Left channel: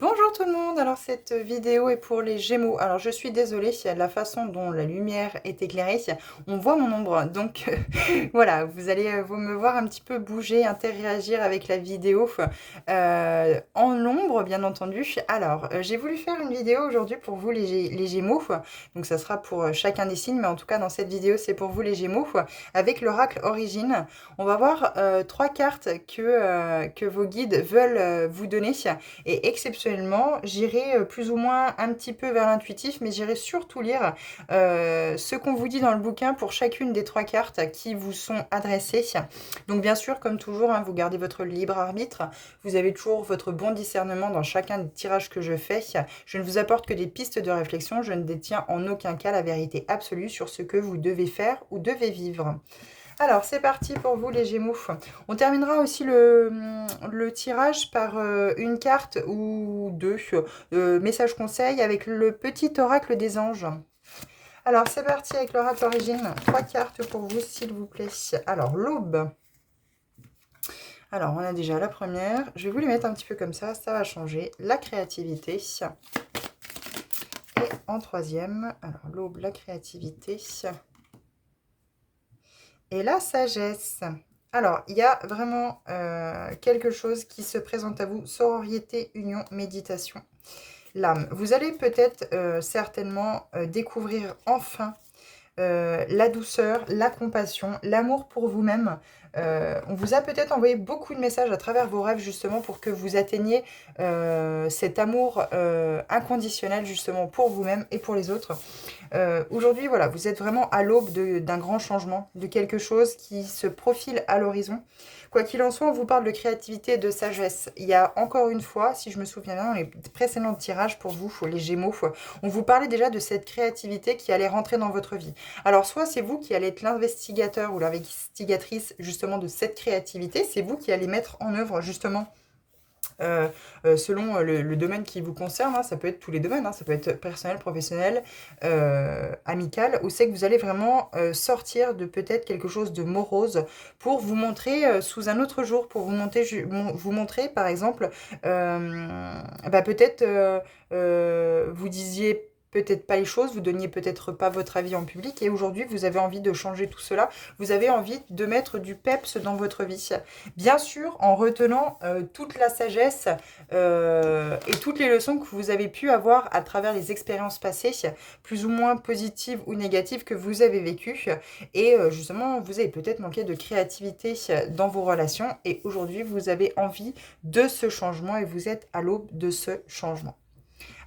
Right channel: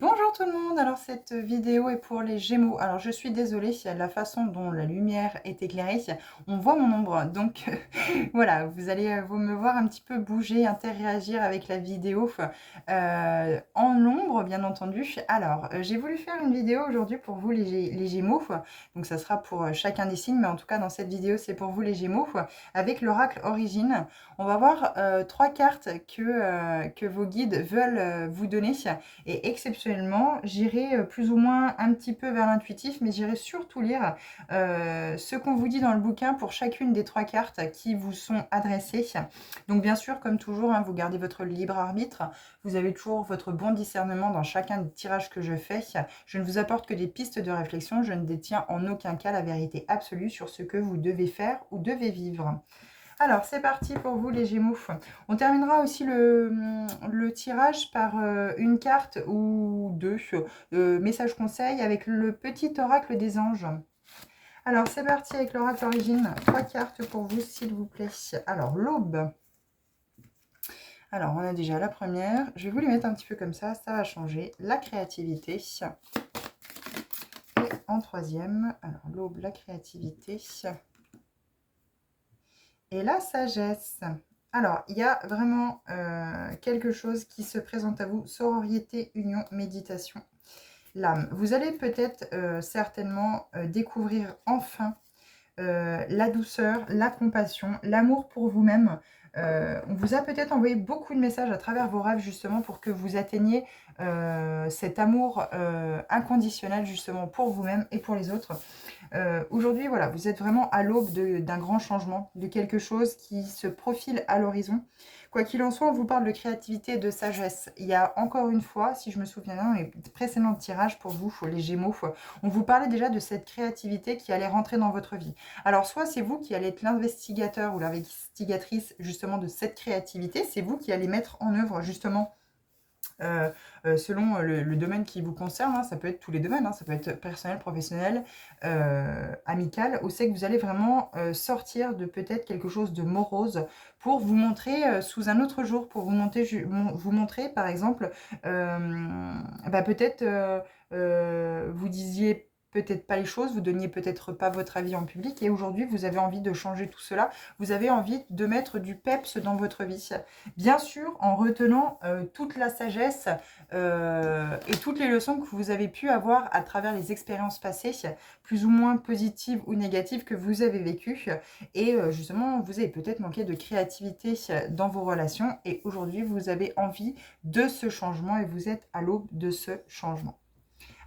Bonjour tout le monde, alors cette vidéo est pour les Gémeaux. Alors je suis désolée, la façon dont la lumière est éclairée, on voit mon ombre. Donc voilà, vous allez vous me voir un petit peu bouger, interagir avec la vidéo en l'ombre bien entendu. Alors j'ai voulu faire une vidéo aujourd'hui pour vous les Gémeaux. Donc ça sera pour chacun des signes, mais en tout cas dans cette vidéo c'est pour vous les Gémeaux. Avec l'oracle Origine, on va voir trois cartes que vos guides veulent vous donner. Et exceptionnellement, j'irai plus ou moins un petit peu vers l'intuitif, mais j'irai surtout lire ce qu'on vous dit dans le bouquin pour chacune des trois cartes qui vous sont adressées. Donc bien sûr, comme toujours, hein, vous gardez votre libre arbitre. Vous avez toujours votre bon discernement dans chacun des tirages que je fais. Je ne vous apporte que des pistes de réflexion. Je ne détiens en aucun cas la vérité absolue sur ce que vous devez faire ou devez vivre. Alors, c'est parti pour vous les Gémeaux. On terminera aussi le tirage par une carte ou deux messages conseils avec le petit oracle des anges. Alors, c'est parti avec l'oracle origine. Trois cartes pour vous, s'il vous plaît. Alors, l'aube. Alors, on a déjà la première. Je vais vous les mettre un petit peu comme ça va changer. La créativité. Et en troisième, alors l'aube, la créativité. Et la sagesse. Alors, il y a vraiment quelque chose qui se présente à vous. Sororité, union, méditation, l'âme. Vous allez peut-être certainement découvrir enfin la douceur, la compassion, l'amour pour vous-même. On vous a peut-être envoyé beaucoup de messages à travers vos rêves justement pour que vous atteigniez cet amour inconditionnel justement pour vous-même et pour les autres. Aujourd'hui, voilà, vous êtes vraiment à l'aube d'un grand changement, de quelque chose qui se profile à l'horizon. Quoi qu'il en soit, on vous parle de créativité et de sagesse. Il y a encore une fois, si je me souviens bien, dans les précédents tirages pour vous, les Gémeaux, on vous parlait déjà de cette créativité qui allait rentrer dans votre vie. Alors, soit c'est vous qui allez être l'investigateur ou l'investigatrice justement de cette créativité, c'est vous qui allez mettre en œuvre justement selon le domaine qui vous concerne, hein, ça peut être tous les domaines, hein, ça peut être personnel, professionnel, amical, où c'est que vous allez vraiment sortir de peut-être quelque chose de morose pour vous montrer sous un autre jour, pour vous montrer par exemple, peut-être vous disiez peut-être pas les choses, vous donniez peut-être pas votre avis en public et aujourd'hui vous avez envie de changer tout cela, vous avez envie de mettre du peps dans votre vie. Bien sûr, en retenant toute la sagesse et toutes les leçons que vous avez pu avoir à travers les expériences passées, plus ou moins positives ou négatives que vous avez vécues. Et justement, vous avez peut-être manqué de créativité dans vos relations et aujourd'hui, vous avez envie de ce changement et vous êtes à l'aube de ce changement.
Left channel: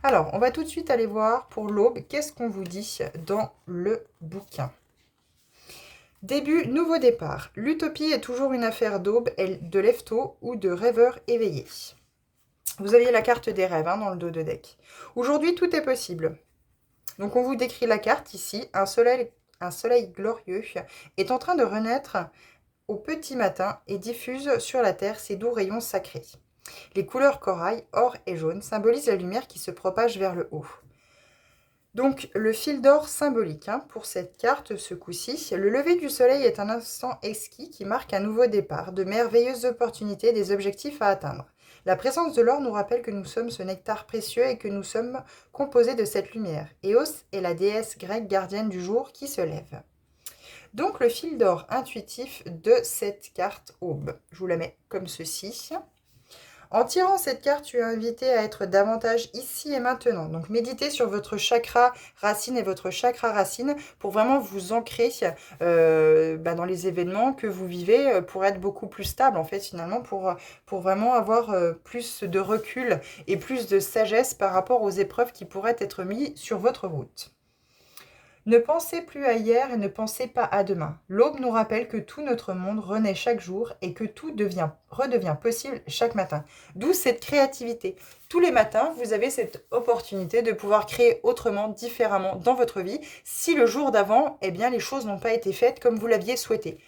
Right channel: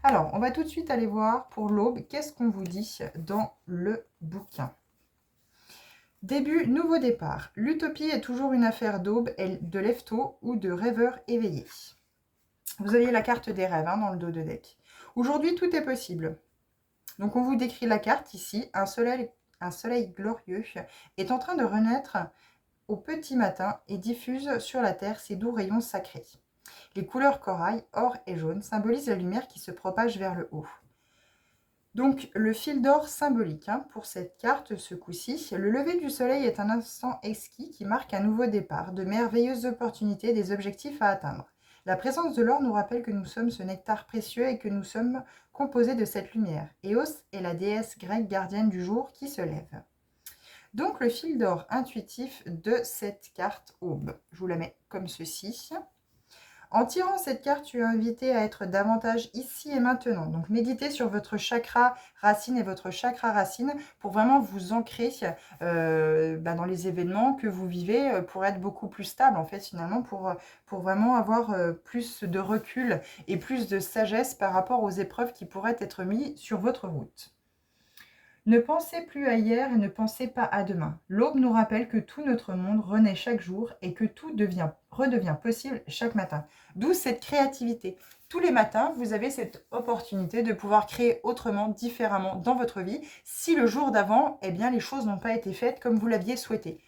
Alors, on va tout de suite aller voir pour l'aube, qu'est-ce qu'on vous dit dans le bouquin. Début, nouveau départ. L'utopie est toujours une affaire d'aube, de lève-tôt ou de rêveur éveillé. Vous aviez la carte des rêves dans le dos de deck. Aujourd'hui, tout est possible. Donc, on vous décrit la carte ici. Un soleil glorieux est en train de renaître au petit matin et diffuse sur la terre ses doux rayons sacrés. Les couleurs corail, or et jaune symbolisent la lumière qui se propage vers le haut. Donc, le fil d'or symbolique pour cette carte, ce coup-ci. Le lever du soleil est un instant exquis qui marque un nouveau départ, de merveilleuses opportunités, des objectifs à atteindre. La présence de l'or nous rappelle que nous sommes ce nectar précieux et que nous sommes composés de cette lumière. Eos est la déesse grecque gardienne du jour qui se lève. Donc, le fil d'or intuitif de cette carte aube. Je vous la mets comme ceci. En tirant cette carte, tu es invité à être davantage ici et maintenant. Donc, méditez sur votre chakra racine et votre chakra racine pour vraiment vous ancrer dans les événements que vous vivez pour être beaucoup plus stable, en fait, finalement, pour vraiment avoir plus de recul et plus de sagesse par rapport aux épreuves qui pourraient être mises sur votre route. Ne pensez plus à hier et ne pensez pas à demain. L'aube nous rappelle que tout notre monde renaît chaque jour et que tout redevient possible chaque matin. D'où cette créativité. Tous les matins, vous avez cette opportunité de pouvoir créer autrement, différemment dans votre vie, si le jour d'avant, les choses n'ont pas été faites comme vous l'aviez souhaité.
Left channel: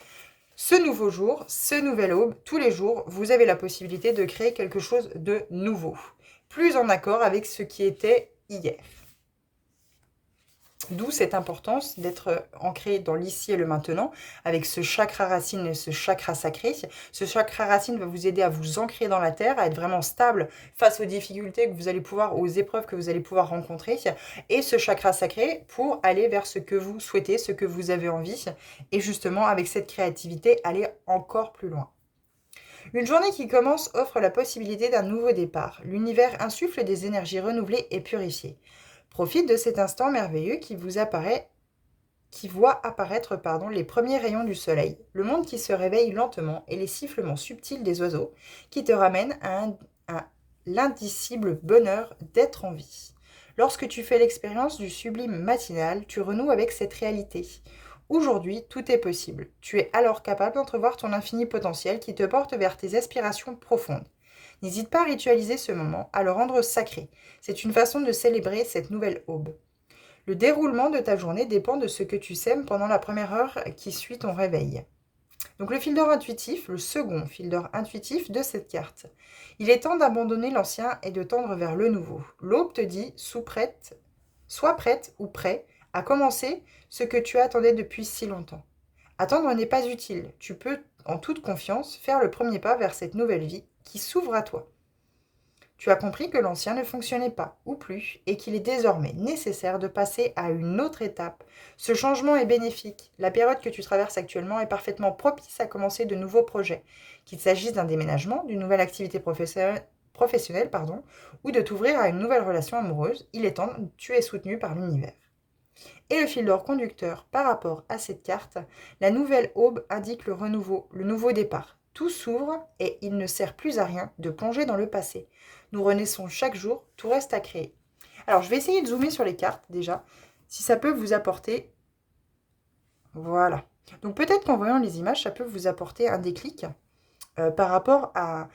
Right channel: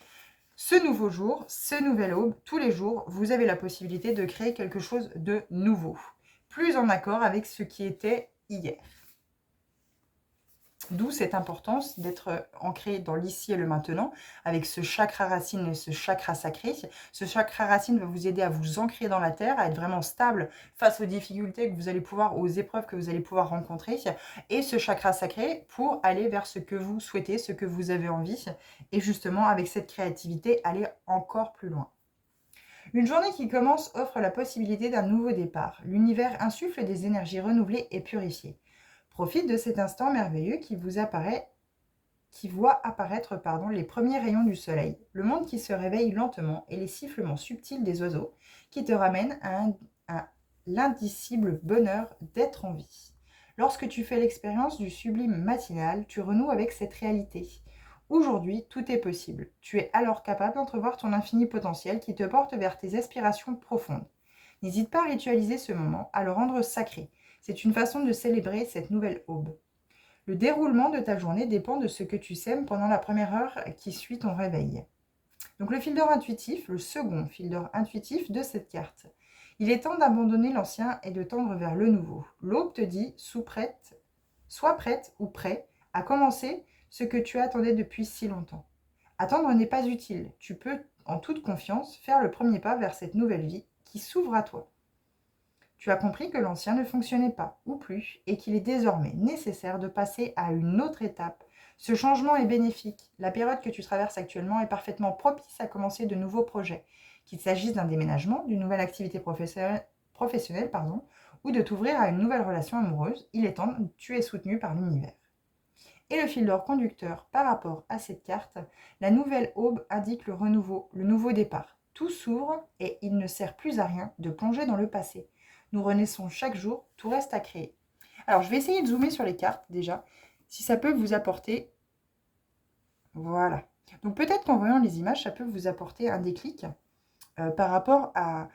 Ce nouveau jour, ce nouvel aube, tous les jours, vous avez la possibilité de créer quelque chose de nouveau, plus en accord avec ce qui était hier. D'où cette importance d'être ancré dans l'ici et le maintenant, avec ce chakra racine et ce chakra sacré. Ce chakra racine va vous aider à vous ancrer dans la terre, à être vraiment stable face aux difficultés que vous allez pouvoir, aux épreuves que vous allez pouvoir rencontrer. Et ce chakra sacré pour aller vers ce que vous souhaitez, ce que vous avez envie. Et justement, avec cette créativité, aller encore plus loin. Une journée qui commence offre la possibilité d'un nouveau départ. L'univers insuffle des énergies renouvelées et purifiées. Profite de cet instant merveilleux qui voit apparaître les premiers rayons du soleil, le monde qui se réveille lentement et les sifflements subtils des oiseaux qui te ramènent à l'indicible bonheur d'être en vie. Lorsque tu fais l'expérience du sublime matinal, tu renoues avec cette réalité. Aujourd'hui, tout est possible. Tu es alors capable d'entrevoir ton infini potentiel qui te porte vers tes aspirations profondes. N'hésite pas à ritualiser ce moment, à le rendre sacré. C'est une façon de célébrer cette nouvelle aube. Le déroulement de ta journée dépend de ce que tu sèmes pendant la première heure qui suit ton réveil. Donc le fil d'or intuitif, le second fil d'or intuitif de cette carte. Il est temps d'abandonner l'ancien et de tendre vers le nouveau. L'aube te dit, sois prête ou prêt à commencer ce que tu attendais depuis si longtemps. Attendre n'est pas utile. Tu peux, en toute confiance, faire le premier pas vers cette nouvelle vie qui s'ouvre à toi. Tu as compris que l'ancien ne fonctionnait pas, ou plus, et qu'il est désormais nécessaire de passer à une autre étape. Ce changement est bénéfique. La période que tu traverses actuellement est parfaitement propice à commencer de nouveaux projets, qu'il s'agisse d'un déménagement, d'une nouvelle activité professionnelle, ou de t'ouvrir à une nouvelle relation amoureuse. Il est temps, tu es soutenu par l'univers. Et le fil d'or conducteur par rapport à cette carte, la nouvelle aube indique le renouveau, le nouveau départ. Tout s'ouvre et il ne sert plus à rien de plonger dans le passé. Nous renaissons chaque jour, tout reste à créer. Alors, je vais essayer de zoomer sur les cartes déjà, si ça peut vous apporter. Voilà. Donc, peut-être qu'en voyant les images, ça peut vous apporter un déclic par rapport à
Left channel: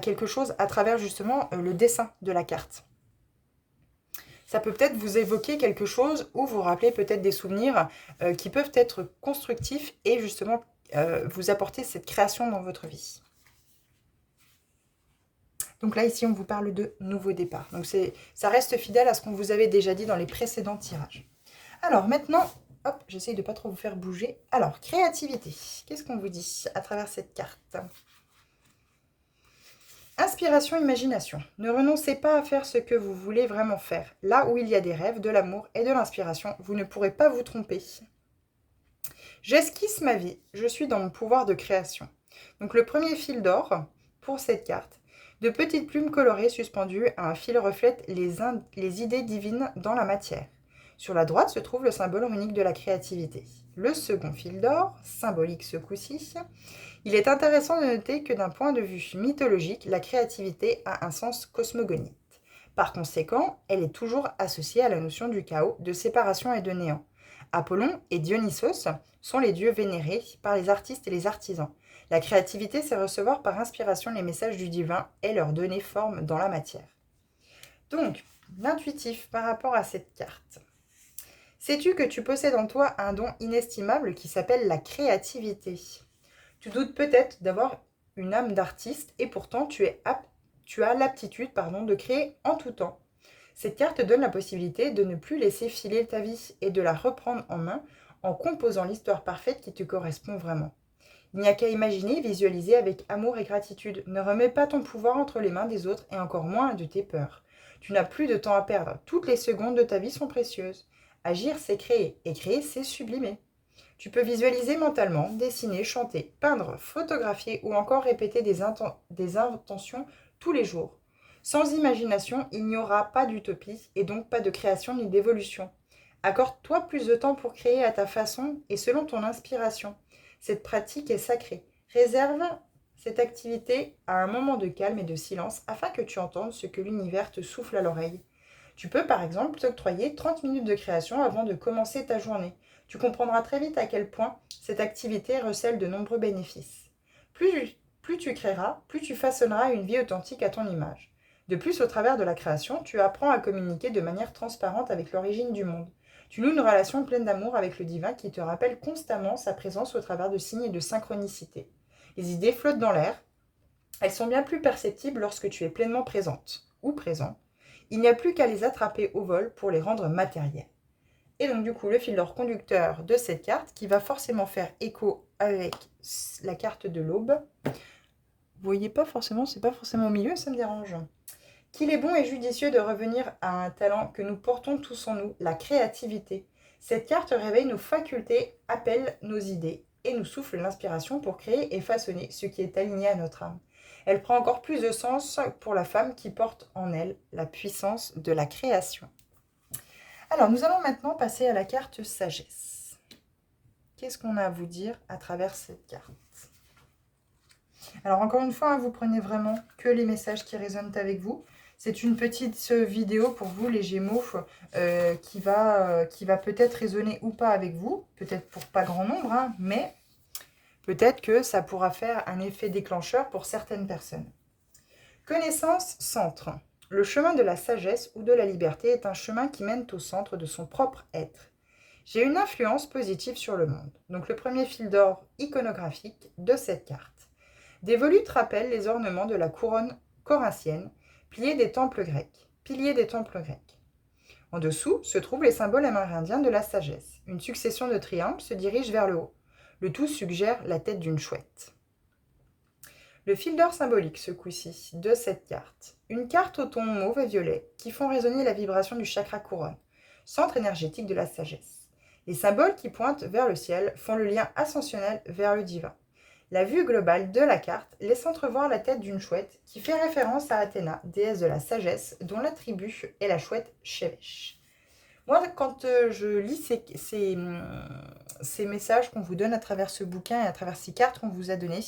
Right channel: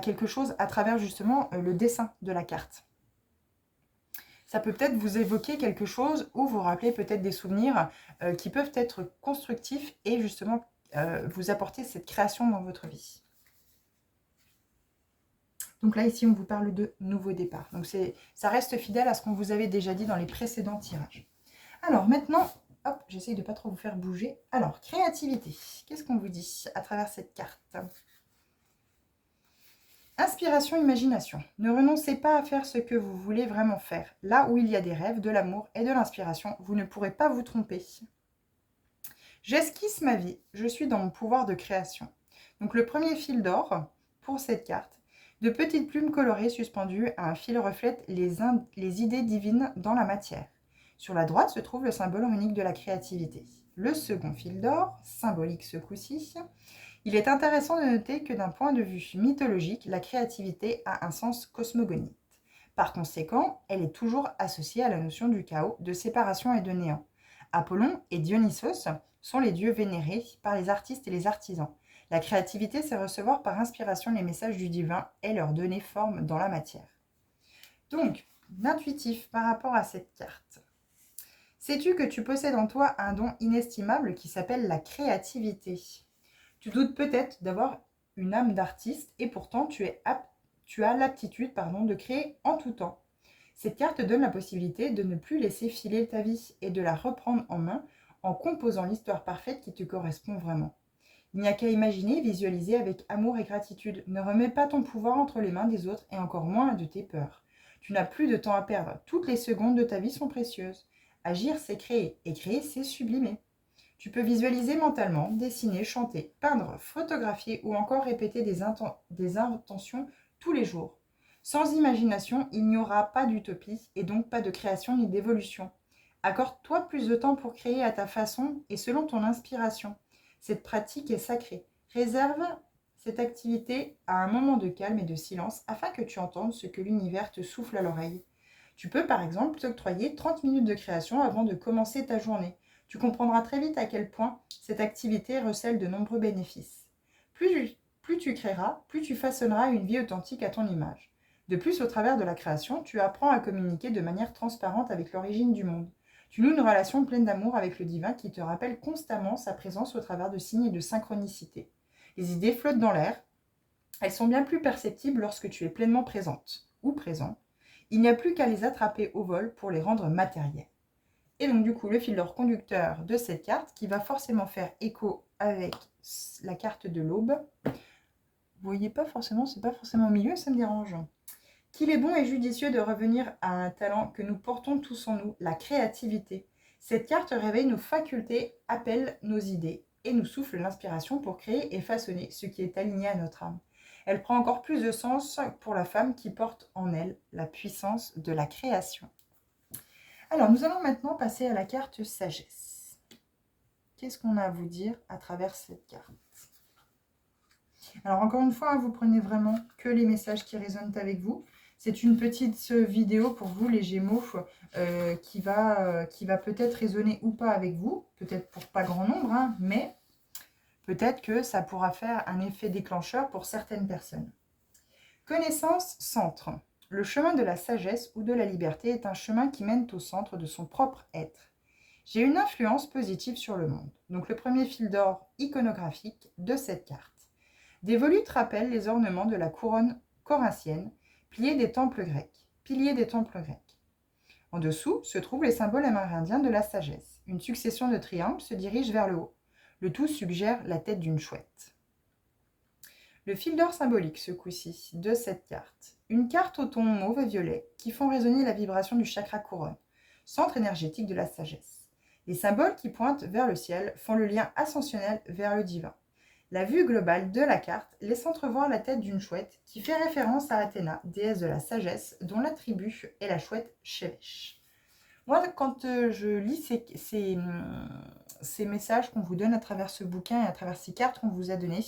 quelque chose à travers justement le dessin de la carte. Ça peut peut-être vous évoquer quelque chose ou vous rappeler peut-être des souvenirs qui peuvent être constructifs et justement vous apporter cette création dans votre vie. Donc là, ici, on vous parle de nouveau départ. Donc ça reste fidèle à ce qu'on vous avait déjà dit dans les précédents tirages. Alors maintenant, hop, j'essaye de ne pas trop vous faire bouger. Alors, créativité. Qu'est-ce qu'on vous dit à travers cette carte ? Inspiration, imagination. Ne renoncez pas à faire ce que vous voulez vraiment faire. Là où il y a des rêves, de l'amour et de l'inspiration, vous ne pourrez pas vous tromper. J'esquisse ma vie. Je suis dans mon pouvoir de création. Donc le premier fil d'or pour cette carte. De petites plumes colorées suspendues à un fil reflètent les idées divines dans la matière. Sur la droite se trouve le symbole runique de la créativité. Le second fil d'or, symbolique ce coup-ci. Il est intéressant de noter que d'un point de vue mythologique, la créativité a un sens cosmogonite. Par conséquent, elle est toujours associée à la notion du chaos, de séparation et de néant. Apollon et Dionysos sont les dieux vénérés par les artistes et les artisans. La créativité, c'est recevoir par inspiration les messages du divin et leur donner forme dans la matière. Donc, l'intuitif par rapport à cette carte. Sais-tu que tu possèdes en toi un don inestimable qui s'appelle la créativité ? Tu doutes peut-être d'avoir une âme d'artiste et pourtant tu as l'aptitude de créer en tout temps. Cette carte te donne la possibilité de ne plus laisser filer ta vie et de la reprendre en main en composant l'histoire parfaite qui te correspond vraiment. Il n'y a qu'à imaginer, visualiser avec amour et gratitude. Ne remets pas ton pouvoir entre les mains des autres et encore moins de tes peurs. Tu n'as plus de temps à perdre. Toutes les secondes de ta vie sont précieuses. Agir, c'est créer. Et créer, c'est sublimer. Tu peux visualiser mentalement, dessiner, chanter, peindre, photographier ou encore répéter des intentions tous les jours. Sans imagination, il n'y aura pas d'utopie et donc pas de création ni d'évolution. Accorde-toi plus de temps pour créer à ta façon et selon ton inspiration. Cette pratique est sacrée. Réserve cette activité à un moment de calme et de silence afin que tu entendes ce que l'univers te souffle à l'oreille. Tu peux par exemple t'octroyer 30 minutes de création avant de commencer ta journée. Tu comprendras très vite à quel point cette activité recèle de nombreux bénéfices. Plus tu créeras, plus tu façonneras une vie authentique à ton image. De plus, au travers de la création, tu apprends à communiquer de manière transparente avec l'origine du monde. Tu noues une relation pleine d'amour avec le divin qui te rappelle constamment sa présence au travers de signes et de synchronicité. Les idées flottent dans l'air. Elles sont bien plus perceptibles lorsque tu es pleinement présente ou présent. Il n'y a plus qu'à les attraper au vol pour les rendre matérielles. Et donc, du coup, le fil d'or conducteur de cette carte qui va forcément faire écho avec la carte de l'aube. Vous voyez pas forcément, c'est pas forcément au milieu, ça me dérange. Qu'il est bon et judicieux de revenir à un talent que nous portons tous en nous, la créativité. Cette carte réveille nos facultés, appelle nos idées et nous souffle l'inspiration pour créer et façonner ce qui est aligné à notre âme. Elle prend encore plus de sens pour la femme qui porte en elle la puissance de la création. Alors, nous allons maintenant passer à la carte sagesse. Qu'est-ce qu'on a à vous dire à travers cette carte? Alors, encore une fois, vous prenez vraiment que les messages qui résonnent avec vous. C'est une petite vidéo pour vous, les Gémeaux, qui va peut-être résonner ou pas avec vous. Peut-être pour pas grand nombre, hein, mais peut-être que ça pourra faire un effet déclencheur pour certaines personnes. Connaissance centre. Le chemin de la sagesse ou de la liberté est un chemin qui mène au centre de son propre être. J'ai une influence positive sur le monde. Donc le premier fil d'or iconographique de cette carte. Des volutes rappellent les ornements de la couronne corinthienne, piliers des temples grecs. En dessous se trouvent les symboles amérindiens de la sagesse. Une succession de triangles se dirige vers le haut. Le tout suggère la tête d'une chouette. Le fil d'or symbolique, ce coup-ci, de cette carte. Une carte au ton mauve et violet qui font résonner la vibration du chakra couronne, centre énergétique de la sagesse. Les symboles qui pointent vers le ciel font le lien ascensionnel vers le divin. La vue globale de la carte laisse entrevoir la tête d'une chouette qui fait référence à Athéna, déesse de la sagesse, dont l'attribut est la chouette Shevesh. Moi, quand je lis ces messages qu'on vous donne à travers ce bouquin et à travers ces cartes qu'on vous a données,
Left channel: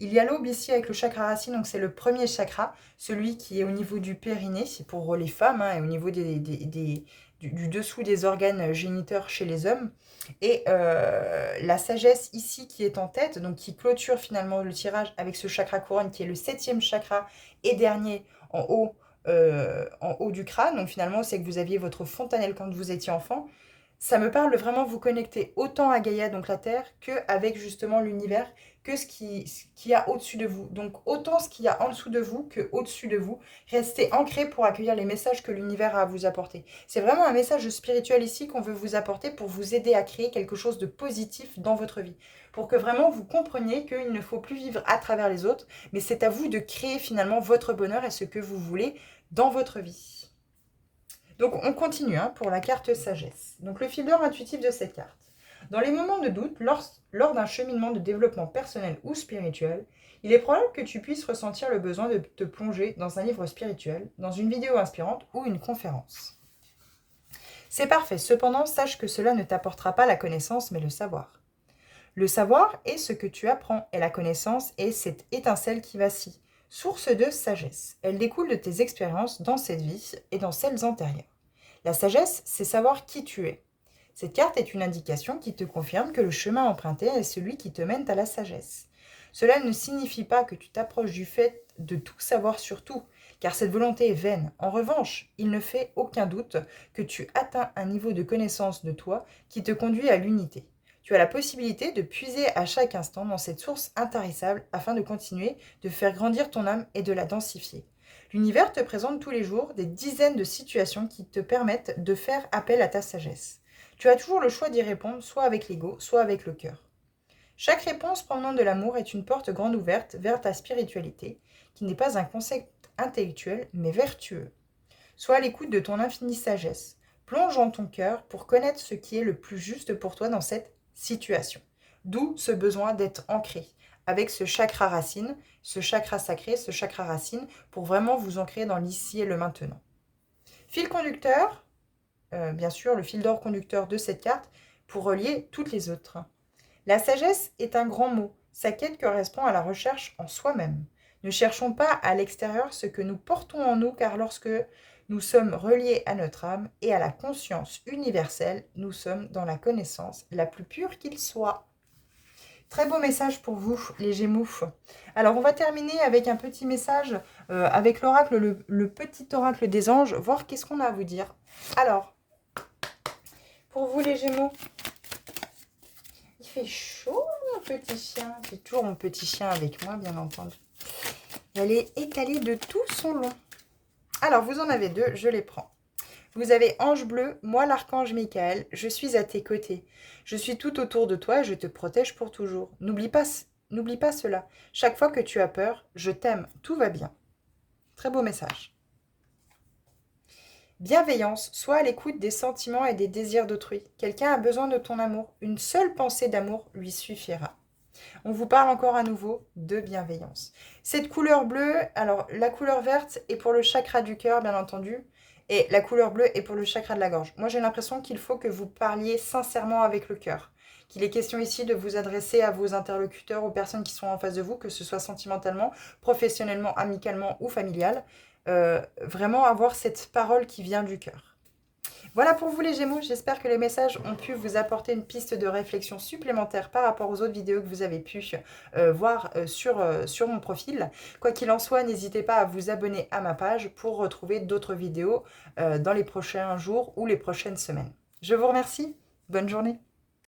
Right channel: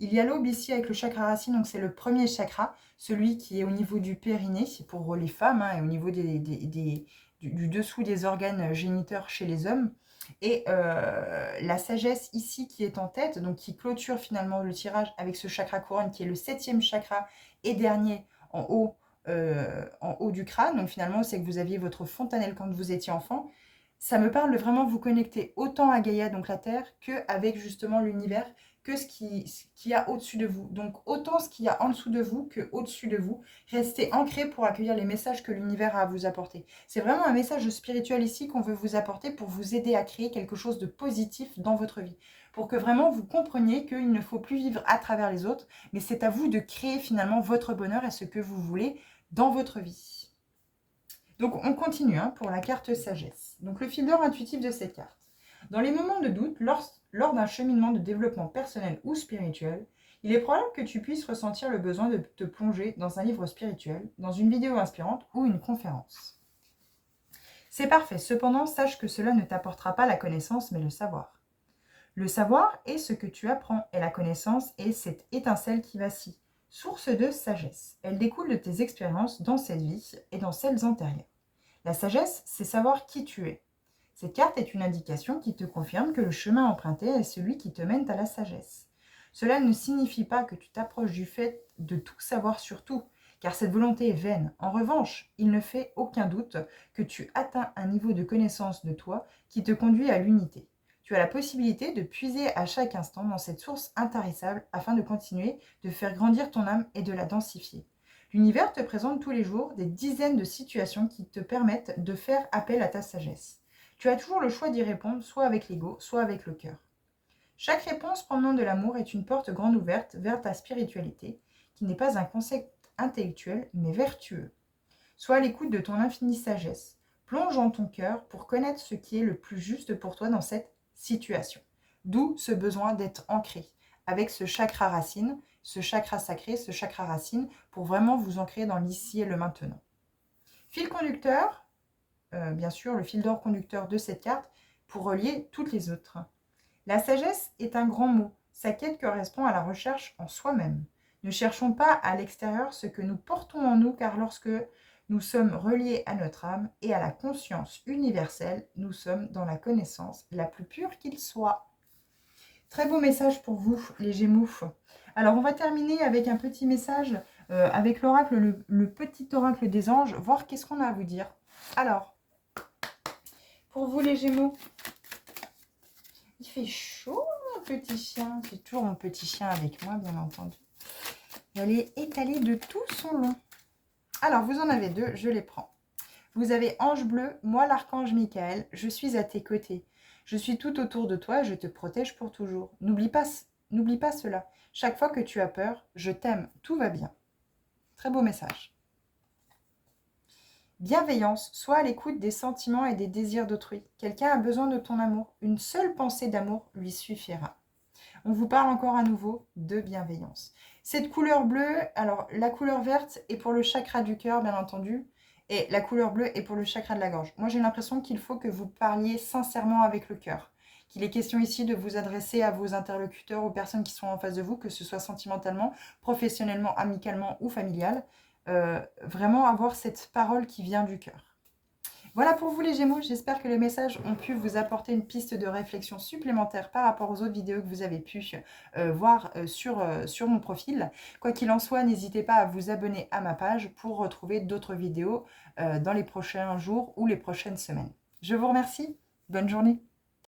il y a l'aube ici avec le chakra racine, donc c'est le premier chakra, celui qui est au niveau du périnée, c'est pour les femmes, hein, et au niveau du dessous des organes géniteurs chez les hommes. Et la sagesse ici qui est en tête, donc qui clôture finalement le tirage avec ce chakra couronne qui est le 7e chakra et dernier en haut du crâne. Donc finalement, c'est que vous aviez votre fontanelle quand vous étiez enfant. Ça me parle de vraiment vous connecter autant à Gaïa, donc la Terre, qu'avec justement l'univers, que ce qu'il y a au-dessus de vous. Donc autant ce qu'il y a en dessous de vous que au-dessus de vous. Restez ancré pour accueillir les messages que l'univers a à vous apporter. C'est vraiment un message spirituel ici qu'on veut vous apporter pour vous aider à créer quelque chose de positif dans votre vie. Pour que vraiment vous compreniez qu'il ne faut plus vivre à travers les autres, mais c'est à vous de créer finalement votre bonheur et ce que vous voulez dans votre vie. Donc on continue pour la carte sagesse. Donc le fil d'or intuitif de cette carte. Dans les moments de doute, lors d'un cheminement de développement personnel ou spirituel, il est probable que tu puisses ressentir le besoin de te plonger dans un livre spirituel, dans une vidéo inspirante ou une conférence. C'est parfait, cependant sache que cela ne t'apportera pas la connaissance mais le savoir. Le savoir est ce que tu apprends et la connaissance est cette étincelle qui vacille, source de sagesse. Elle découle de tes expériences dans cette vie et dans celles antérieures. La sagesse, c'est savoir qui tu es. Cette carte est une indication qui te confirme que le chemin emprunté est celui qui te mène à la sagesse. Cela ne signifie pas que tu t'approches du fait de tout savoir sur tout, car cette volonté est vaine. En revanche, il ne fait aucun doute que tu atteins un niveau de connaissance de toi qui te conduit à l'unité. Tu as la possibilité de puiser à chaque instant dans cette source intarissable afin de continuer de faire grandir ton âme et de la densifier. L'univers te présente tous les jours des dizaines de situations qui te permettent de faire appel à ta sagesse. Tu as toujours le choix d'y répondre, soit avec l'ego, soit avec le cœur. Chaque réponse provenant de l'amour est une porte grande ouverte vers ta spiritualité, qui n'est pas un concept intellectuel, mais vertueux. Sois à l'écoute de ton infinie sagesse. Plonge dans ton cœur pour connaître ce qui est le plus juste pour toi dans cette situation. D'où ce besoin d'être ancré avec ce chakra racine, ce chakra sacré, ce chakra racine, pour vraiment vous ancrer dans l'ici et le maintenant. Fil conducteur, bien sûr, le fil d'or conducteur de cette carte, pour relier toutes les autres. La sagesse est un grand mot. Sa quête correspond à la recherche en soi-même. Ne cherchons pas à l'extérieur ce que nous portons en nous, car lorsque nous sommes reliés à notre âme et à la conscience universelle, nous sommes dans la connaissance la plus pure qu'il soit. Très beau message pour vous, les Gémeaux. Alors, on va terminer avec un petit message avec l'oracle, le petit oracle des anges, voir qu'est-ce qu'on a à vous dire. Alors, pour vous, les Gémeaux, il fait chaud, mon petit chien. J'ai toujours mon petit chien avec moi, bien entendu. Je vais étaler de tout son long. Alors, vous en avez deux, je les prends. Vous avez ange bleu, moi l'archange Michael, je suis à tes côtés. Je suis tout autour de toi et je te protège pour toujours. N'oublie pas cela. Chaque fois que tu as peur, je t'aime, tout va bien. Très beau message. Bienveillance, sois à l'écoute des sentiments et des désirs d'autrui. Quelqu'un a besoin de ton amour. Une seule pensée d'amour lui suffira. On vous parle encore à nouveau de bienveillance. Cette couleur bleue, alors la couleur verte est pour le chakra du cœur, bien entendu, et la couleur bleue est pour le chakra de la gorge. Moi, j'ai l'impression qu'il faut que vous parliez sincèrement avec le cœur. Qu'il est question ici de vous adresser à vos interlocuteurs, aux personnes qui sont en face de vous, que ce soit sentimentalement, professionnellement, amicalement ou familial. Vraiment avoir cette parole qui vient du cœur. Voilà pour vous les Gémeaux, j'espère que les messages ont pu vous apporter une piste de réflexion supplémentaire par rapport aux autres vidéos que vous avez pu voir sur mon profil. Quoi qu'il en soit, n'hésitez pas à vous abonner à ma page pour retrouver d'autres vidéos dans les prochains jours ou les prochaines semaines. Je vous remercie, bonne journée.